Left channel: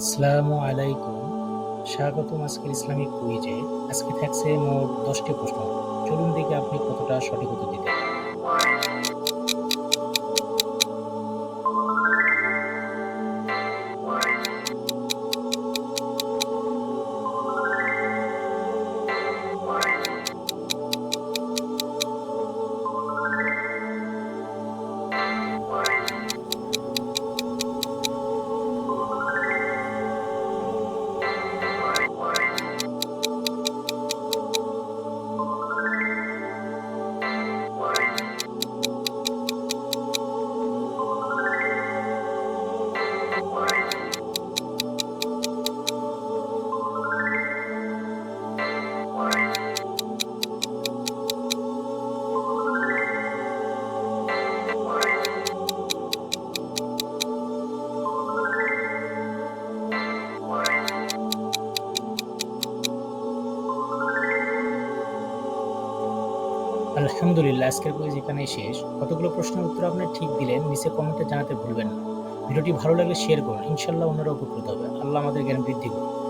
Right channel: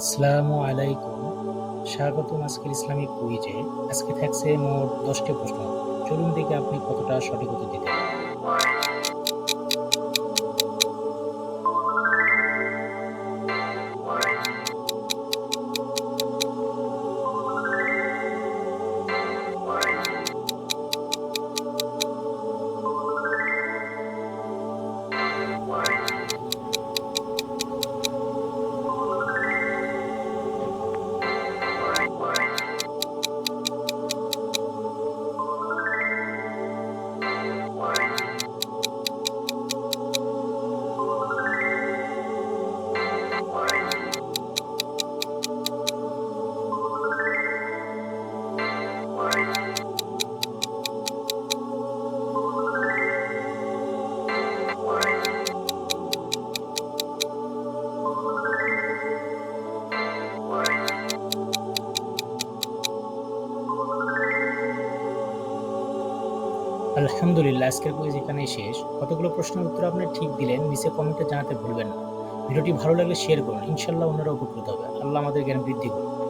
আসসালামু আলাইকুম। স্বাগতম আজকের ইসলামিক কুইজে। আজকে থাকছে মোট ১০টি প্রশ্ন। চলুন দেখি আপনি কতটা সঠিক উত্তর দিতে পারেন। আলহামদুলিল্লাহ, আজকের কুইজ এখানেই শেষ। কতগুলো প্রশ্নের উত্তর আপনি ঠিক দিলেন নিচে কমেন্টে জানাতে ভুলবেন না। ভিডিওটি ভালো লাগলে শেয়ার করুন, ইনশাল্লাহ অন্যরা উপকৃত হবে। আল্লাহ আমাদের জ্ঞান বৃদ্ধি করুন।